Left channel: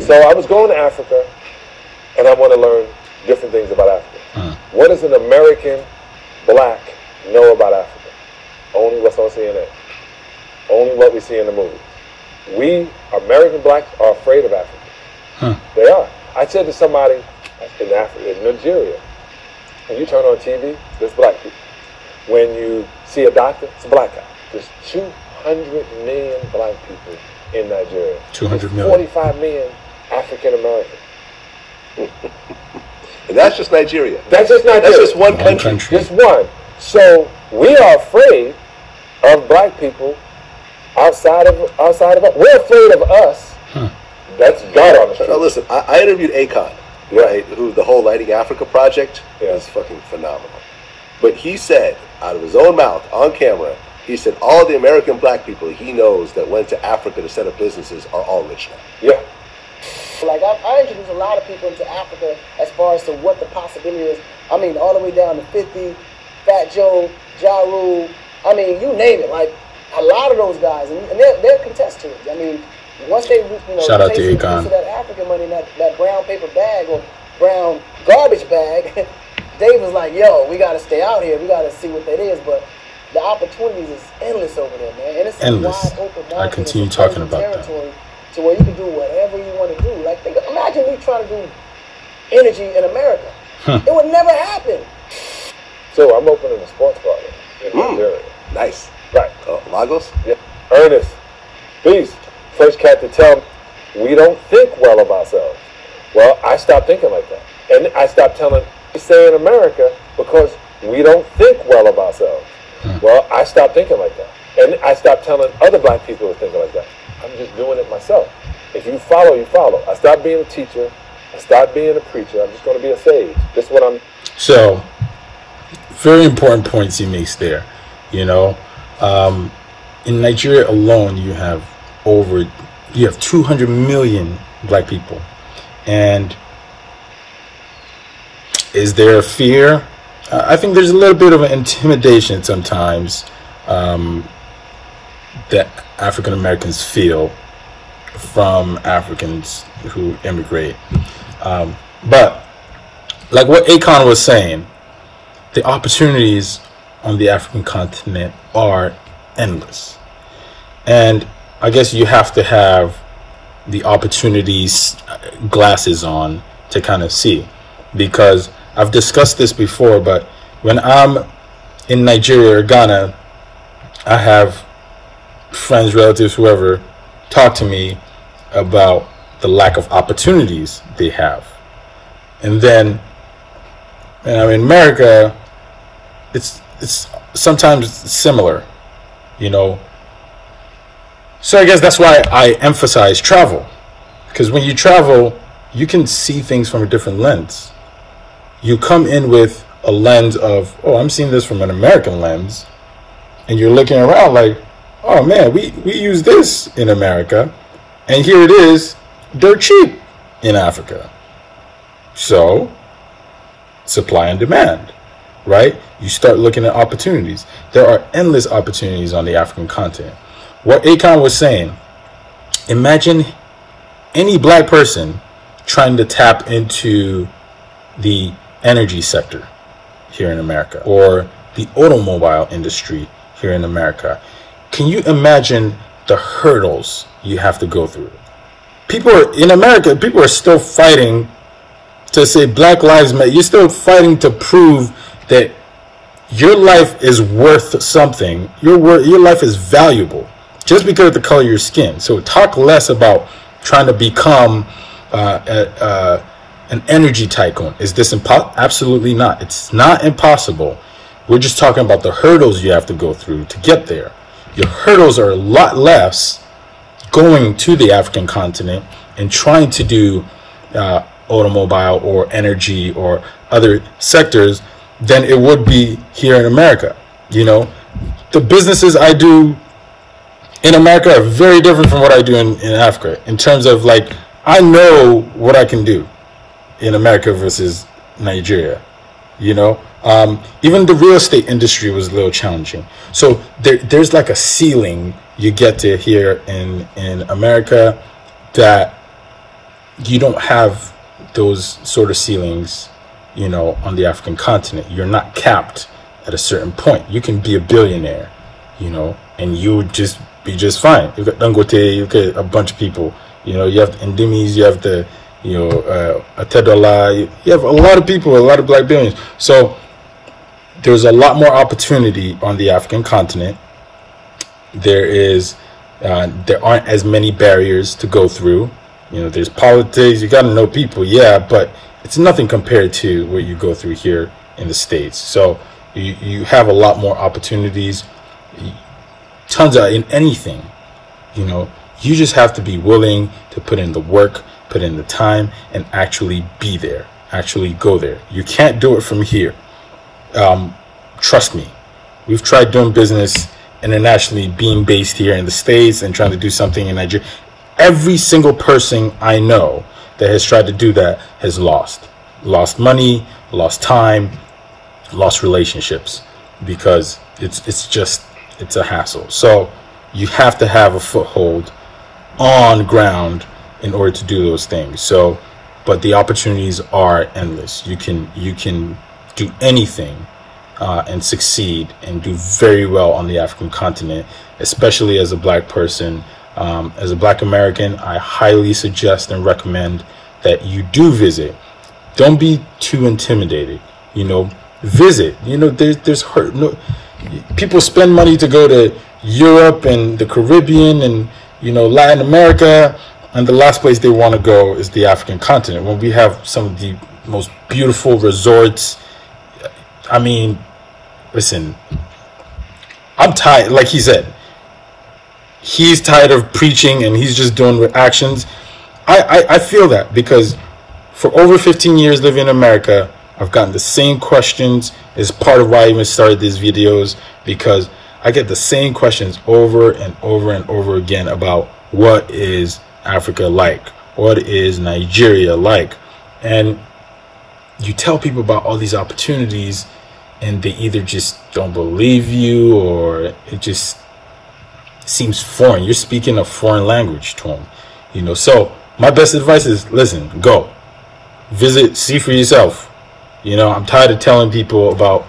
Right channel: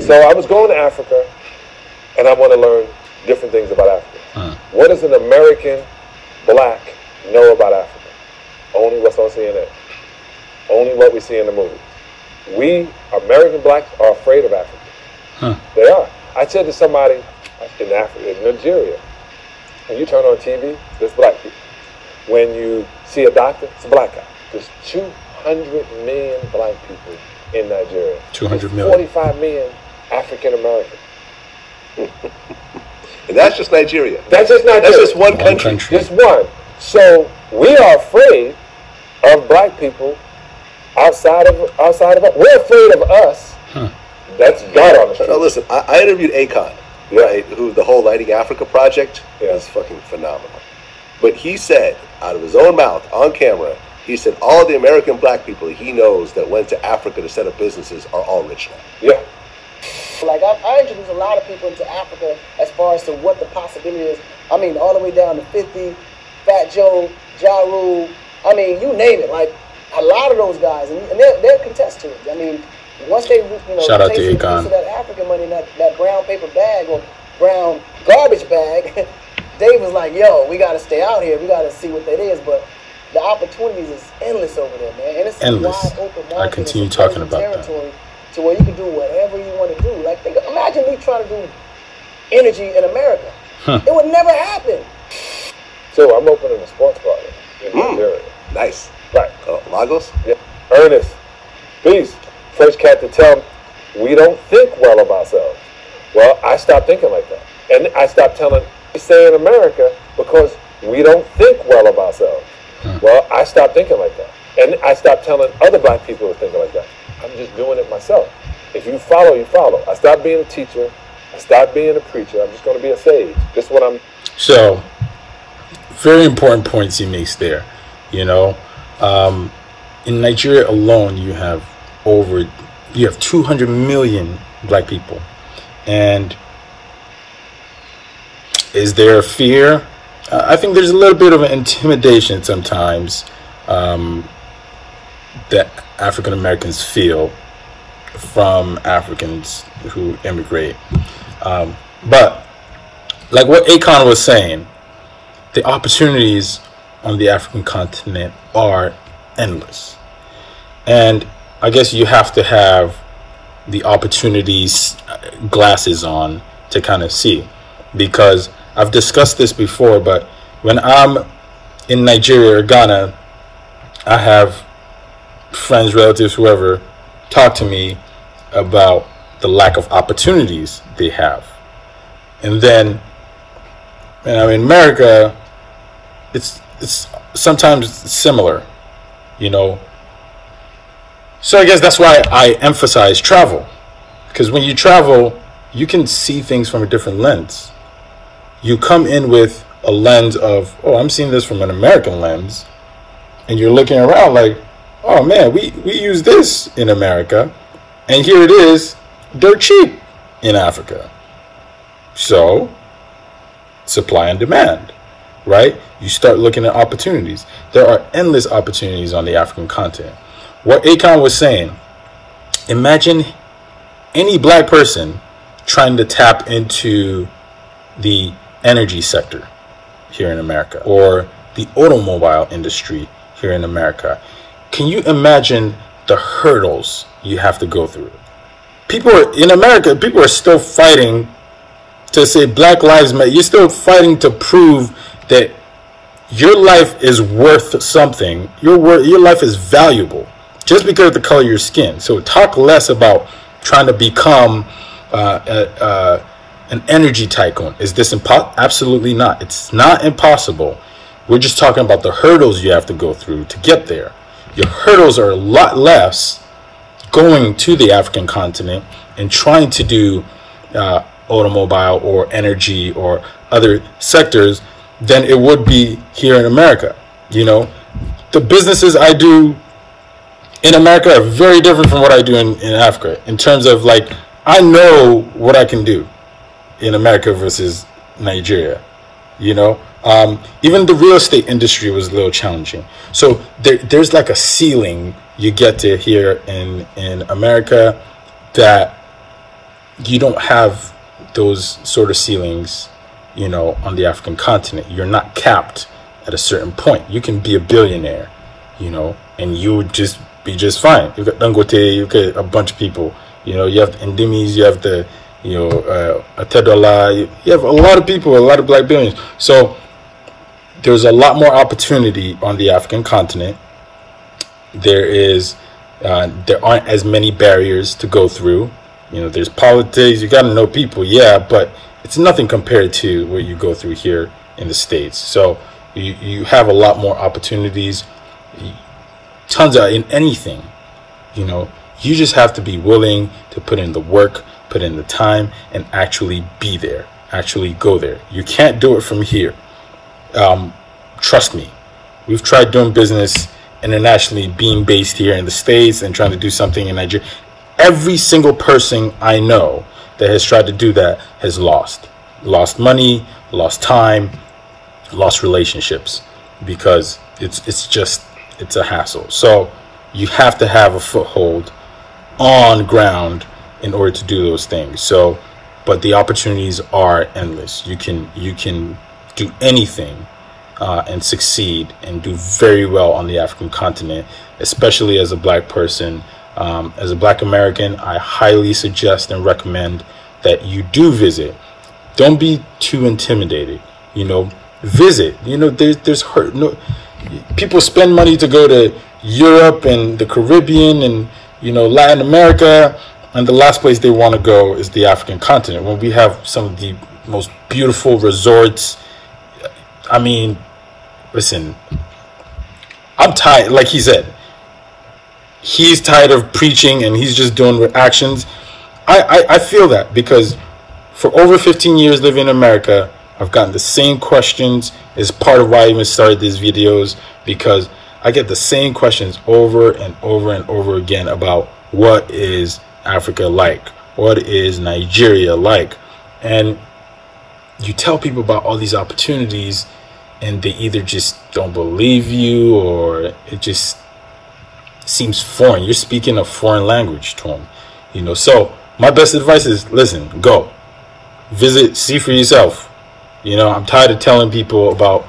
So I was going to Africa, and I want to learn different things about Africa. What does an American black know about Africa? Only what's on CNN. Only what we see in the movies. We, American blacks, are afraid of Africa. They are. I said to somebody in Africa, in Nigeria, when you turn on TV, there's black people. When you see a doctor, it's a black guy. There's 200 million black people in Nigeria. 200 million. 45 million African American. And that's just Nigeria. That's just Nigeria. That's just one country. Just one. So we are afraid of black people outside of us. We're afraid of us. That's God on the street. Now listen, I interviewed Akon, right? Who the whole Lighting Africa project is fucking phenomenal. But he said, out of his own mouth, on camera, he said all the American black people he knows that went to Africa to set up businesses are all rich now. Yeah. Like, I introduced a lot of people into Africa as far as to what the possibility is. I mean, all the way down to 50, Fat Joe, Ja Rule. I mean, you name it. Like, a lot of those guys, and they'll contest to it. I mean, once they, shout out to take Akon. some of that African money in that brown paper bag or brown garbage bag, Dave was like, yo, we got to stay out here. We got to see what that is. But the opportunities is endless over there, man. And it's endless. a wide open market. I continue talking about territory to where you can do whatever you want to do. Like, imagine me trying to do energy in America. It would never happen. So I'm opening a sports bar in Nigeria. Nice. Right. Lagos? Yeah. Ernest, please. First cat to tell me we don't think well of ourselves. Well, I stopped thinking like that. And I stopped saying America because we don't think well of ourselves. Well, I stopped thinking like that. And I stopped telling other black people to think like that. I'm just doing it myself. If you follow, you follow. I stopped being a teacher. I stopped being a preacher. I'm just going to be a sage. This is what I'm... So, very important points he makes there. You know, in Nigeria alone, you have 200 million black people. And is there a fear? I think there's a little bit of an intimidation sometimes that African Americans feel from Africans who immigrate. But like what Akon was saying, the opportunities on the African continent are endless. And I guess you have to have the opportunities glasses on to kind of see, because I've discussed this before, but when I'm in Nigeria or Ghana, I have friends, relatives, whoever, talk to me about the lack of opportunities they have. And then, in America, it's sometimes similar, you know. So I guess that's why I emphasize travel, because when you travel, you can see things from a different lens. You come in with a lens of, oh, I'm seeing this from an American lens, and you're looking around like, oh man, we use this in America, and here it is, dirt cheap in Africa. So, supply and demand, right? You start looking at opportunities. There are endless opportunities on the African continent. What Akon was saying, imagine any black person trying to tap into the energy sector here in America, or the automobile industry here in America. Can you imagine the hurdles you have to go through? In America, people are still fighting to say Black Lives Matter. You're still fighting to prove that your life is worth something. Your life is valuable just because of the color of your skin. So talk less about trying to become an energy tycoon. Is this impossible? Absolutely not. It's not impossible. We're just talking about the hurdles you have to go through to get there. Your hurdles are a lot less going to the African continent and trying to do automobile or energy or other sectors than it would be here in America. You know, the businesses I do in America are very different from what I do in Africa, in terms of, like, I know what I can do in America versus Nigeria. You know, even the real estate industry was a little challenging. So there's like a ceiling you get to here in America that you don't have those sort of ceilings, you know, on the African continent. You're not capped at a certain point. You can be a billionaire, you know, and you would just be just fine. You've got Dangote, you've got a bunch of people, you know, you have the Indimis, you have the, you know, Atedola, you have a lot of people, a lot of black billionaires. So there's a lot more opportunity on the African continent. There aren't as many barriers to go through. You know, there's politics, you got to know people, yeah, but it's nothing compared to what you go through here in the States. So you have a lot more opportunities, tons of, in anything, you know. You just have to be willing to put in the work, put in the time, and actually be there, actually go there. You can't do it from here. Trust me, we've tried doing business internationally, being based here in the States and trying to do something in Nigeria. Every single person I know that has tried to do that has lost money, lost time, lost relationships, because it's a hassle. So you have to have a foothold on ground in order to do those things. So, but the opportunities are endless. You can do anything and succeed and do very well on the African continent, especially as a black person. As a black American, I highly suggest and recommend that you do visit. Don't be too intimidated, you know, visit. You know, there's hurt. No, people spend money to go to Europe and the Caribbean and, you know, Latin America, and the last place they want to go is the African continent, when we have some of the most beautiful resorts. I mean, listen, I'm tired. Like he said, he's tired of preaching and he's just doing with actions. I feel that, because for over 15 years living in America, I've gotten the same questions. Is part of why I even started these videos, because I get the same questions over and over and over again about what is Africa like? What is Nigeria like? And you tell people about all these opportunities and they either just don't believe you, or it just seems foreign. You're speaking a foreign language to them, you know. So my best advice is, listen, go visit, see for yourself. You know, I'm tired of telling people about,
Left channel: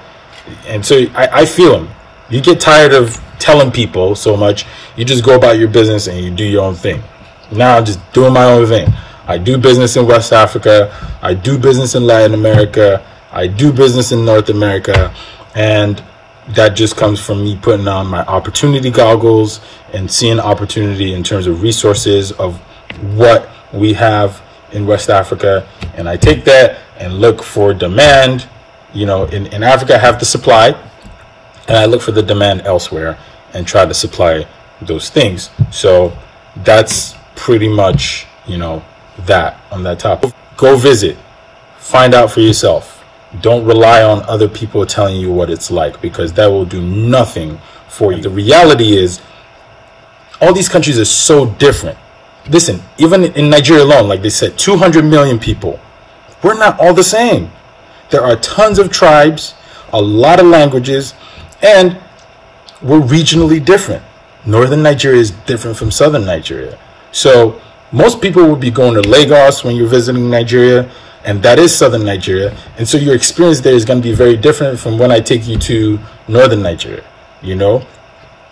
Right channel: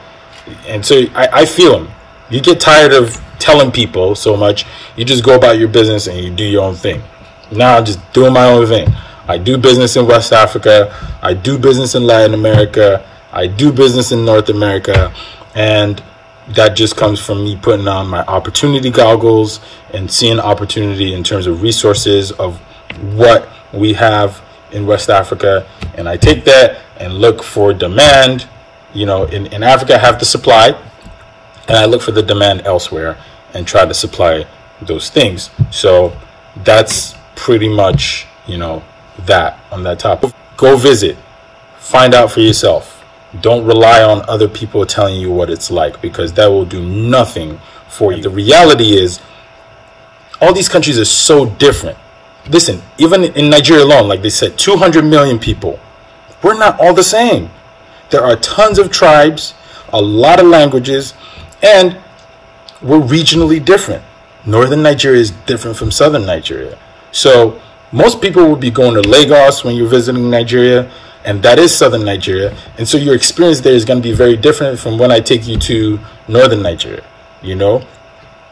and so I feel them. You get tired of telling people so much, you just go about your business and you do your own thing. Now I'm just doing my own thing. I do business in West Africa. I do business in Latin America. I do business in North America. And that just comes from me putting on my opportunity goggles and seeing opportunity in terms of resources of what we have in West Africa. And I take that and look for demand. You know, in Africa, I have the supply, and I look for the demand elsewhere and try to supply those things. So that's pretty much, you know, that on that topic. Go visit, find out for yourself. Don't rely on other people telling you what it's like, because that will do nothing for you. The reality is, all these countries are so different. Listen, even in Nigeria alone, like they said, 200 million people. We're not all the same. There are tons of tribes, a lot of languages, and we're regionally different. Northern Nigeria is different from southern Nigeria. So most people will be going to Lagos when you're visiting Nigeria, and that is southern Nigeria. And so your experience there is going to be very different from when I take you to northern Nigeria, you know?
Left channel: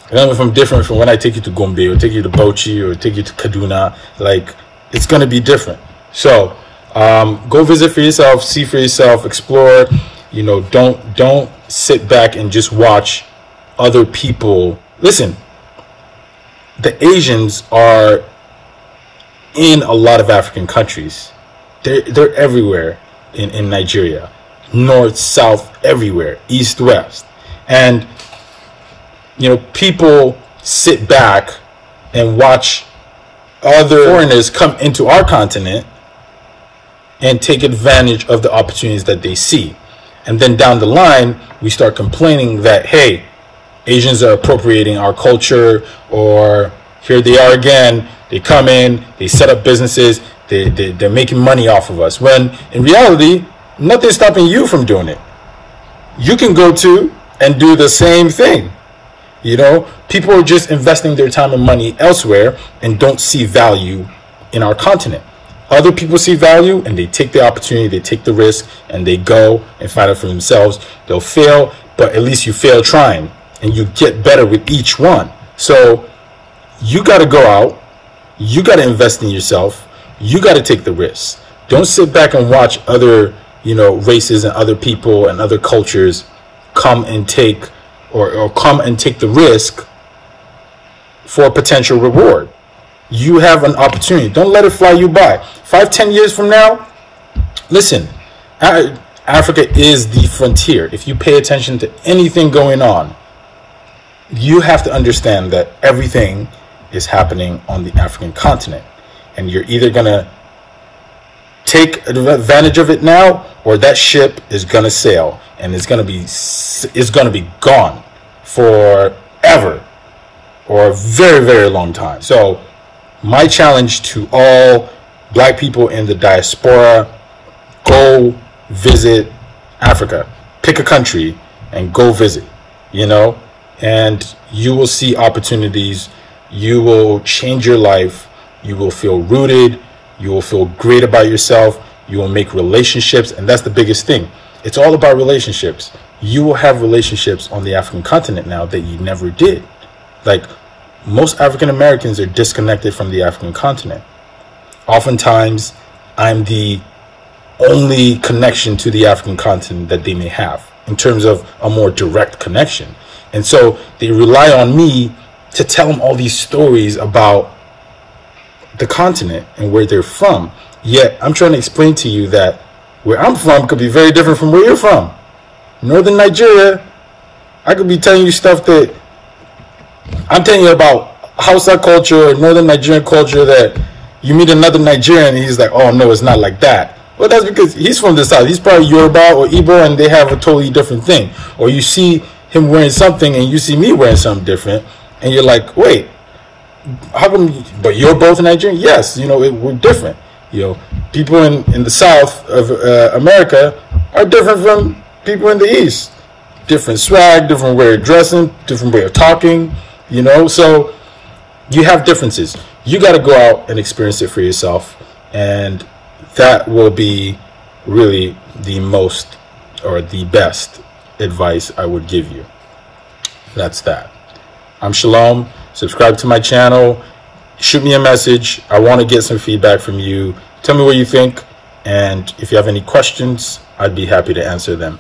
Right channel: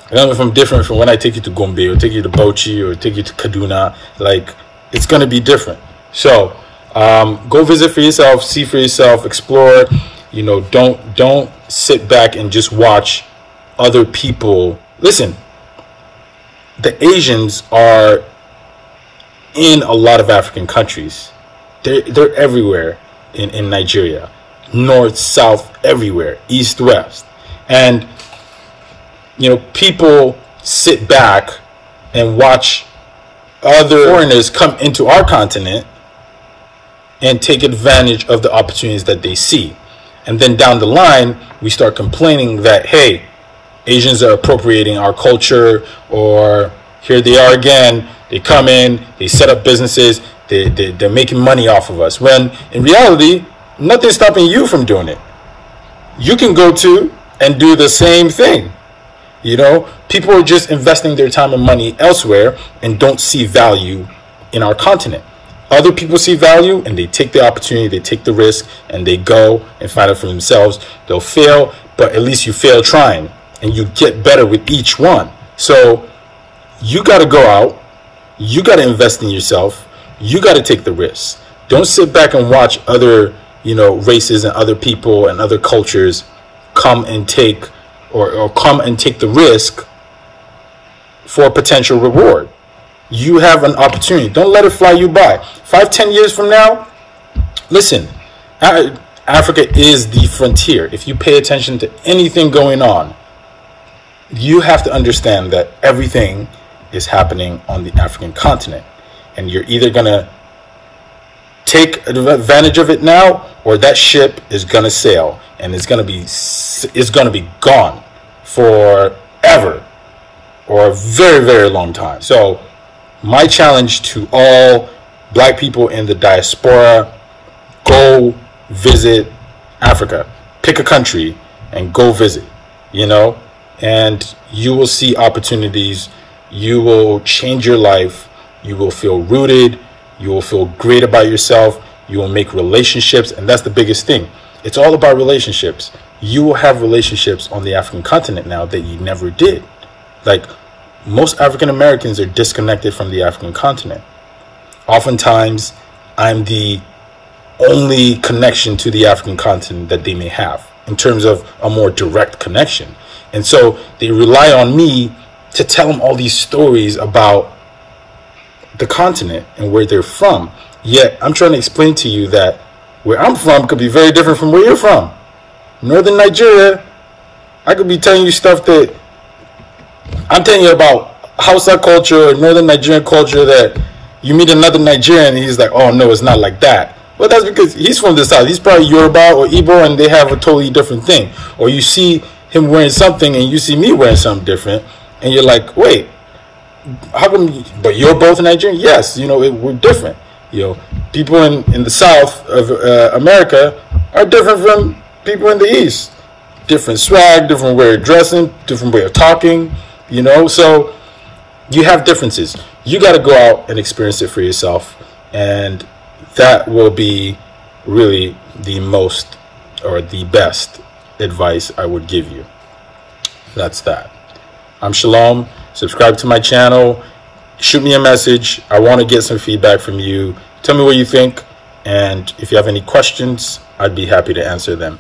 And different from when I take you to Gombe or take you to Bauchi or take you to Kaduna. Like, it's going to be different. So go visit for yourself, see for yourself, explore. You know, don't sit back and just watch other people. Listen, the Asians are in a lot of African countries. They're everywhere in Nigeria, north, south, everywhere, east, west. And, you know, people sit back and watch other foreigners come into our continent and take advantage of the opportunities that they see. And then down the line, we start complaining that, hey, Asians are appropriating our culture, or here they are again. They come in, they set up businesses, they're making money off of us. When in reality, nothing's stopping you from doing it. You can go to and do the same thing. You know, people are just investing their time and money elsewhere and don't see value in our continent. other people see value and they take the opportunity, they take the risk, and they go and find it for themselves. They'll fail, but at least you fail trying, and you get better with each one. So you got to go out, you got to invest in yourself, you got to take the risk. Don't sit back and watch other, you know, races and other people and other cultures come and take or come and take the risk for a potential reward. You have an opportunity. Don't let it fly you by. 5-10 years from now, listen, Africa is the frontier. If you pay attention to anything going on, you have to understand that everything is happening on the African continent. And you're either going to take advantage of it now, or that ship is going to sail and it's going to be gone forever, or a very, very long time. So my challenge to all black people in the diaspora, go visit Africa. Pick a country and go visit, you know, and you will see opportunities. You will change your life. You will feel rooted. You will feel great about yourself. You will make relationships. And that's the biggest thing. It's all about relationships. You will have relationships on the African continent now that you never did. Like, most African Americans are disconnected from the African continent. Oftentimes, I'm the only connection to the African continent that they may have in terms of a more direct connection. And so they rely on me to tell them all these stories about the continent and where they're from. Yet I'm trying to explain to you that where I'm from could be very different from where you're from. Northern Nigeria, I could be telling you stuff that I'm telling you about Hausa culture or Northern Nigerian culture that you meet another Nigerian and he's like, oh no, it's not like that. Well, that's because he's from the South. He's probably Yoruba or Igbo and they have a totally different thing. Or you see him wearing something and you see me wearing something different and you're like, wait, how come, but you're both Nigerian? Yes, you know, we're different. You know, people in the South of America are different from people in the East. Different swag, different way of dressing, different way of talking, you know, so you have differences. You got to go out and experience it for yourself. And that will be really the most or the best advice I would give you. That's that. I'm Shalom. Subscribe to my channel. Shoot me a message. I want to get some feedback from you. Tell me what you think. And if you have any questions, I'd be happy to answer them.